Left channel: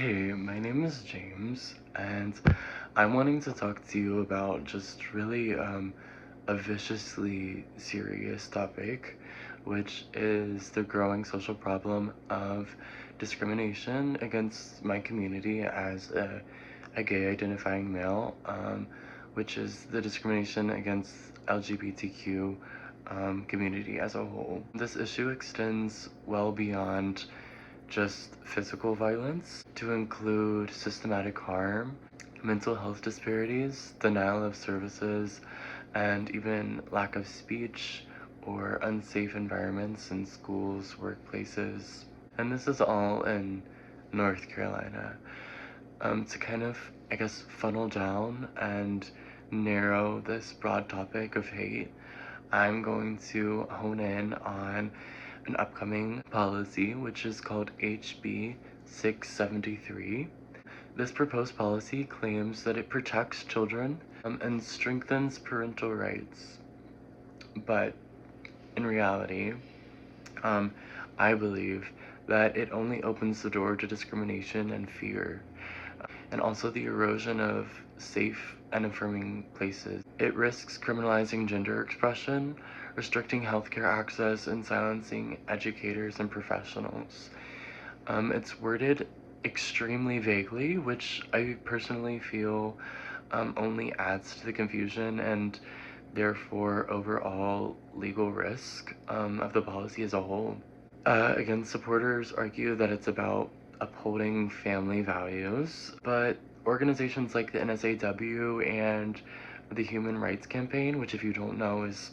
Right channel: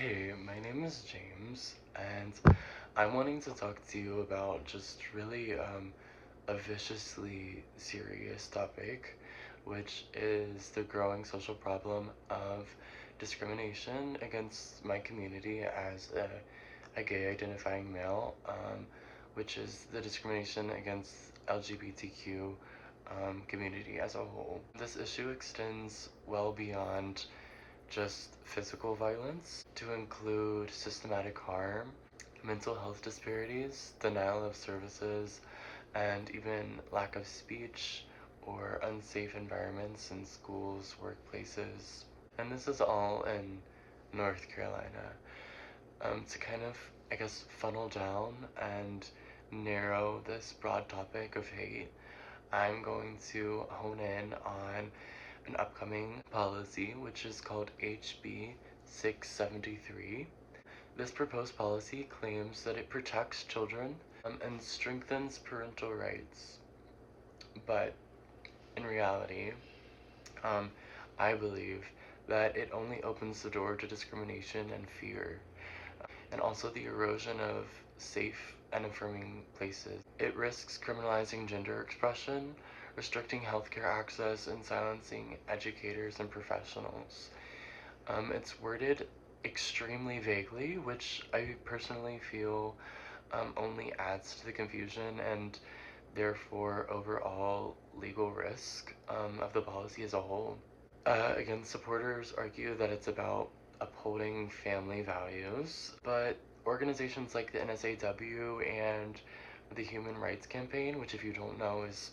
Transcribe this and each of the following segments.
Hey, my name is James, and I'm wanting to talk to you about just really a viciously serious topic, which is the growing social problem of discrimination against my community as a gay identifying male, which is the discrimination against LGBTQ community as a whole. This issue extends well beyond just physical violence to include systematic harm, mental health disparities, denial of services, and even lack of speech or unsafe environments in schools, workplaces. And this is all in North Carolina. To kind of, I guess, funnel down and narrow this broad topic of hate, I'm going to hone in on an upcoming policy, which is called HB 673. This proposed policy claims that it protects children and strengthens parental rights. But in reality, um, I believe that it only opens the door to discrimination and fear, and also the erosion of safe and affirming places. It risks criminalizing gender expression, restricting healthcare access, and silencing educators and professionals. It's worded extremely vaguely, which I personally feel only adds to the confusion and therefore overall legal risk of the policy as a whole. Again, supporters argue that it's about upholding family values, but organizations like the NSAW and the Human Rights Campaign, which if you don't know is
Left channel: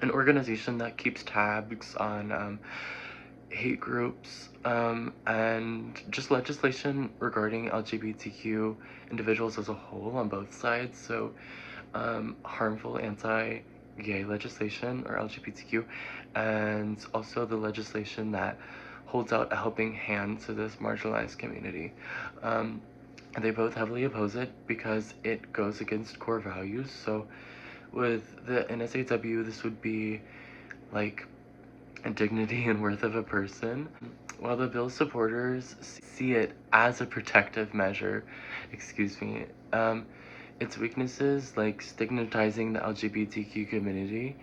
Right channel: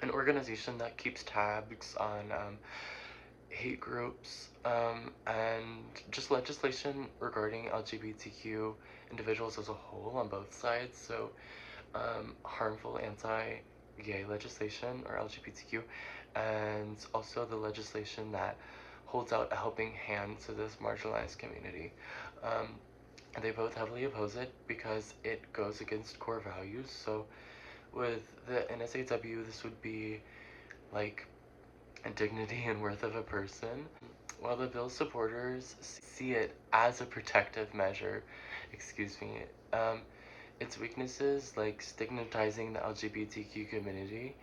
an organization that keeps tabs on hate groups and just legislation regarding LGBTQ individuals as a whole on both sides. So harmful anti-gay legislation or LGBTQ, and also the legislation that holds out a helping hand to this marginalized community. They both heavily oppose it because it goes against core values. So with the NSAW, this would be like dignity and worth of a person, while the bill's supporters see it as a protective measure. Excuse me. Its weaknesses, like stigmatizing the LGBTQ community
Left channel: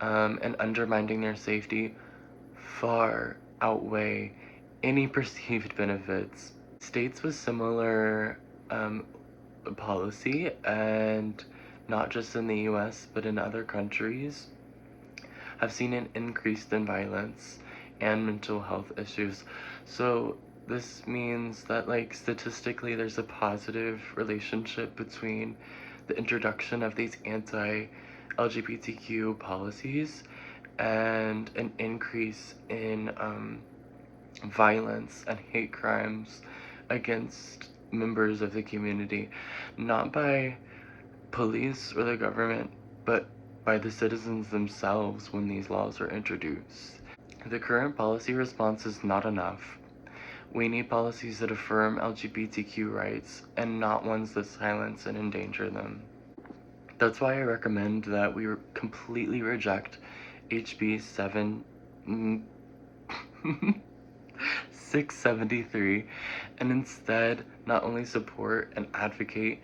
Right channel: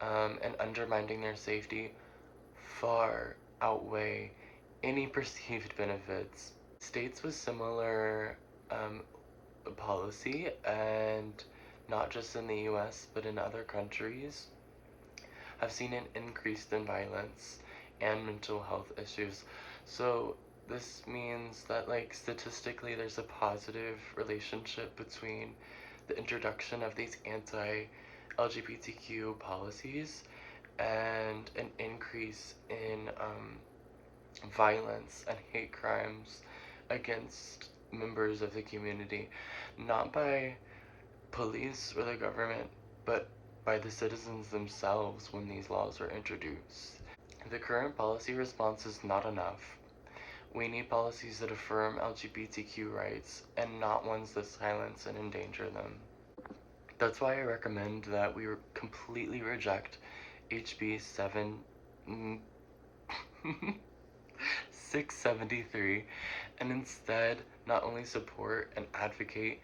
and undermining their safety, far outweigh any perceived benefits. States with similar policy, and not just in the US but in other countries, have seen an increase in violence and mental health issues. So this means that like statistically there's a positive relationship between the introduction of these anti-LGBTQ policies and an increase in violence and hate crimes against members of the community, not by police or the government, but by the citizens themselves when these laws are introduced. The current policy response is not enough. We need policies that affirm LGBTQ rights and not ones that silence and endanger them. That's why I recommend that we completely reject HB 673 and instead not only support and advocate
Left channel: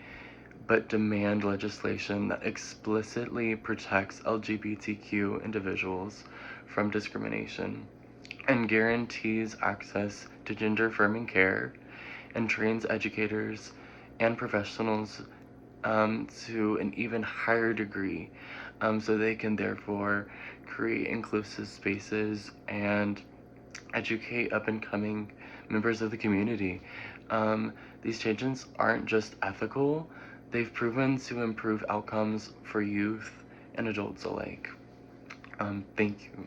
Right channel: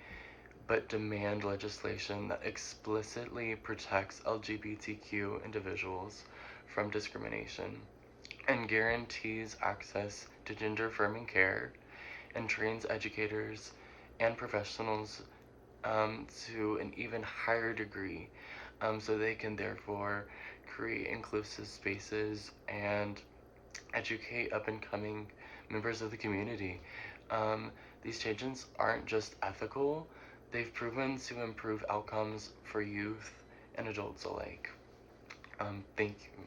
but demand legislation that explicitly protects LGBTQ individuals from discrimination and guarantees access to gender-affirming care and trains educators and professionals to an even higher degree, so they can therefore create inclusive spaces and educate up-and-coming members of the community. These changes aren't just ethical, they've proven to improve outcomes for youth and adults alike. Thank you.